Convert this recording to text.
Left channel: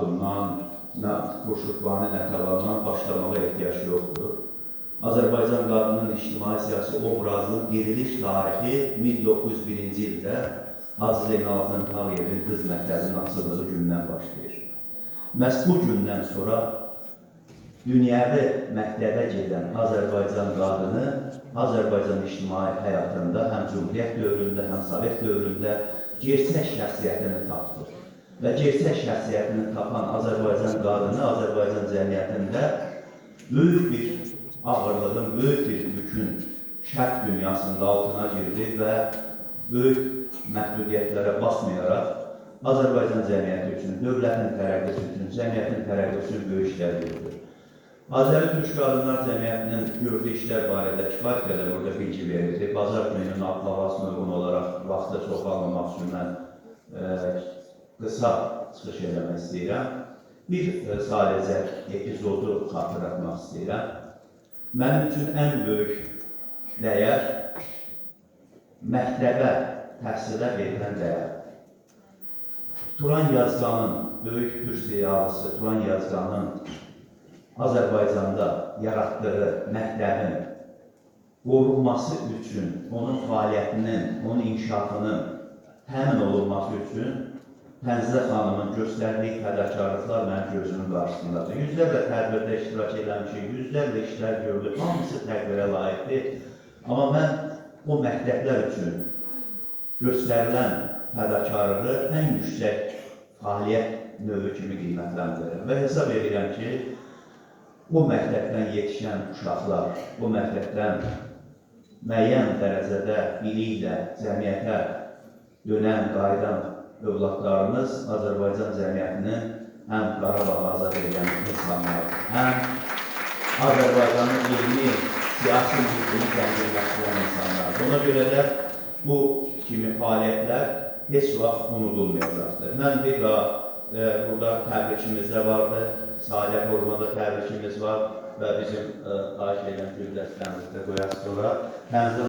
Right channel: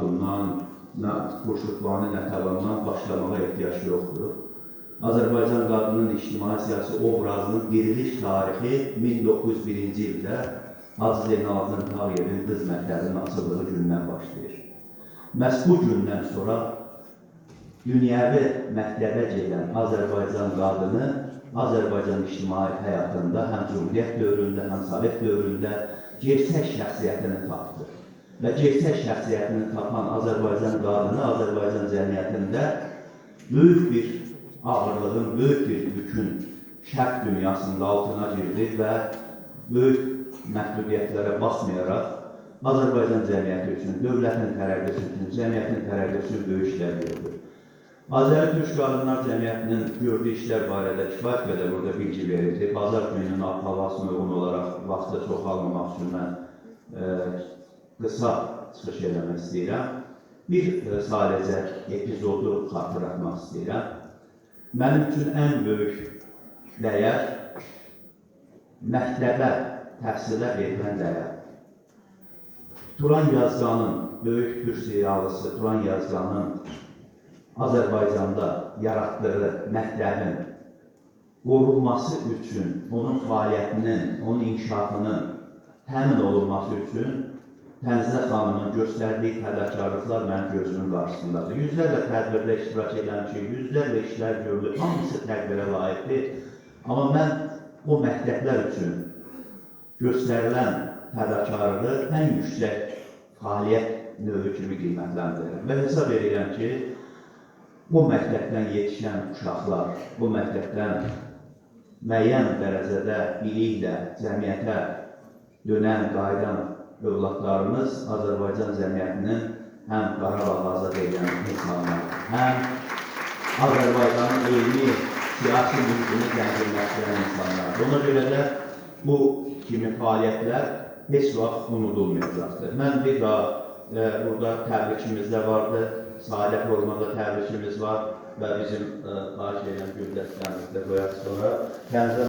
Xatundan, nə Xurşudbani Nətəvandan başlamağa ehtiyac yoxdur. Azərbaycan qadının ictimai-siyasi obrazının diriliş tarixi 1901-ci ildə Hacı Zeynalabdin Tağıyevin qız məktəbinin açıldığı gündən başlayır. Məhz bu gündən sonra dünyəvi məktəbə gedən Azərbaycan qadını Azərbaycan ictimai həyatında həm Cumhuriyyət dövründə, həm Sovet dövründə gerçək şəxsiyyətini tapdı. Və gerçək şəxsiyyətini tapan Azərbaycan qadını Azərbaycan cəmiyyətində böyük bir ağırlığın, böyük bir yükün şərq dünyasında altına girdi və böyük məhdudiyyətlərə basmayaraq Azərbaycan cəmiyyəti üçün, dövlətin tərəqqisi üçün, cəmiyyətin tərəqqisi üçün böyük işlər gördü. Azəri Türk Qadınlar Cəmiyyətinin gördüyü işlər barədə kifayət qədər burada bilgi verildi. Bazar gününün havasına uyğun olaraq vaxtı çox almamaq üçün mən qısa çıxış eləmək istəyirəm. Bir sadəcə epizodu xatırlatmaq istəyirəm. Mənim üçün ən böyük dəyər məktəbə, təhsilə verilən dəyər. Turan Yazganın, böyük türk siyalısı Turan Yazganın Azərbaycanda yaratdığı məktəbin qorunması üçün, onun fəaliyyətinin, onun inkişafının təmin olunması üçün Tənzilə xanımın göstərdiyi fədakarlıqlar mənim gözümün qarşısındadır. Yüzlərlə tədbirdə iştirak eləmişik, yüzlərlə işlər görülür, hamısı təqdirə layiqdir. Amma mən o məktəblər üçün göstərilən fədakarlığı ən yüksək fəaliyyət növü kimi qiymətləndirir. Və hesab edirəm ki, bu məktəbdən yetişən uşaqlar, bu məktəbdən müəyyən dərəcədə biliklə cəmiyyətə dönən, qayıdan övladlarımız Azərbaycan cəmiyyətinin həm Qarabağı azad edən insanlar, həm Azərbaycanın elmi, siyasi mülkünü tənzimləşdirən insanlar. Ona görə də bu kimi fəaliyyətlər heç vaxt unudulmayacaqdır. Mən bir daha burada təbrikimiz də vardı, Sahilə formada təbrikimiz var və bizim xahiş edən güldəstəmizdə qoyaq sonra.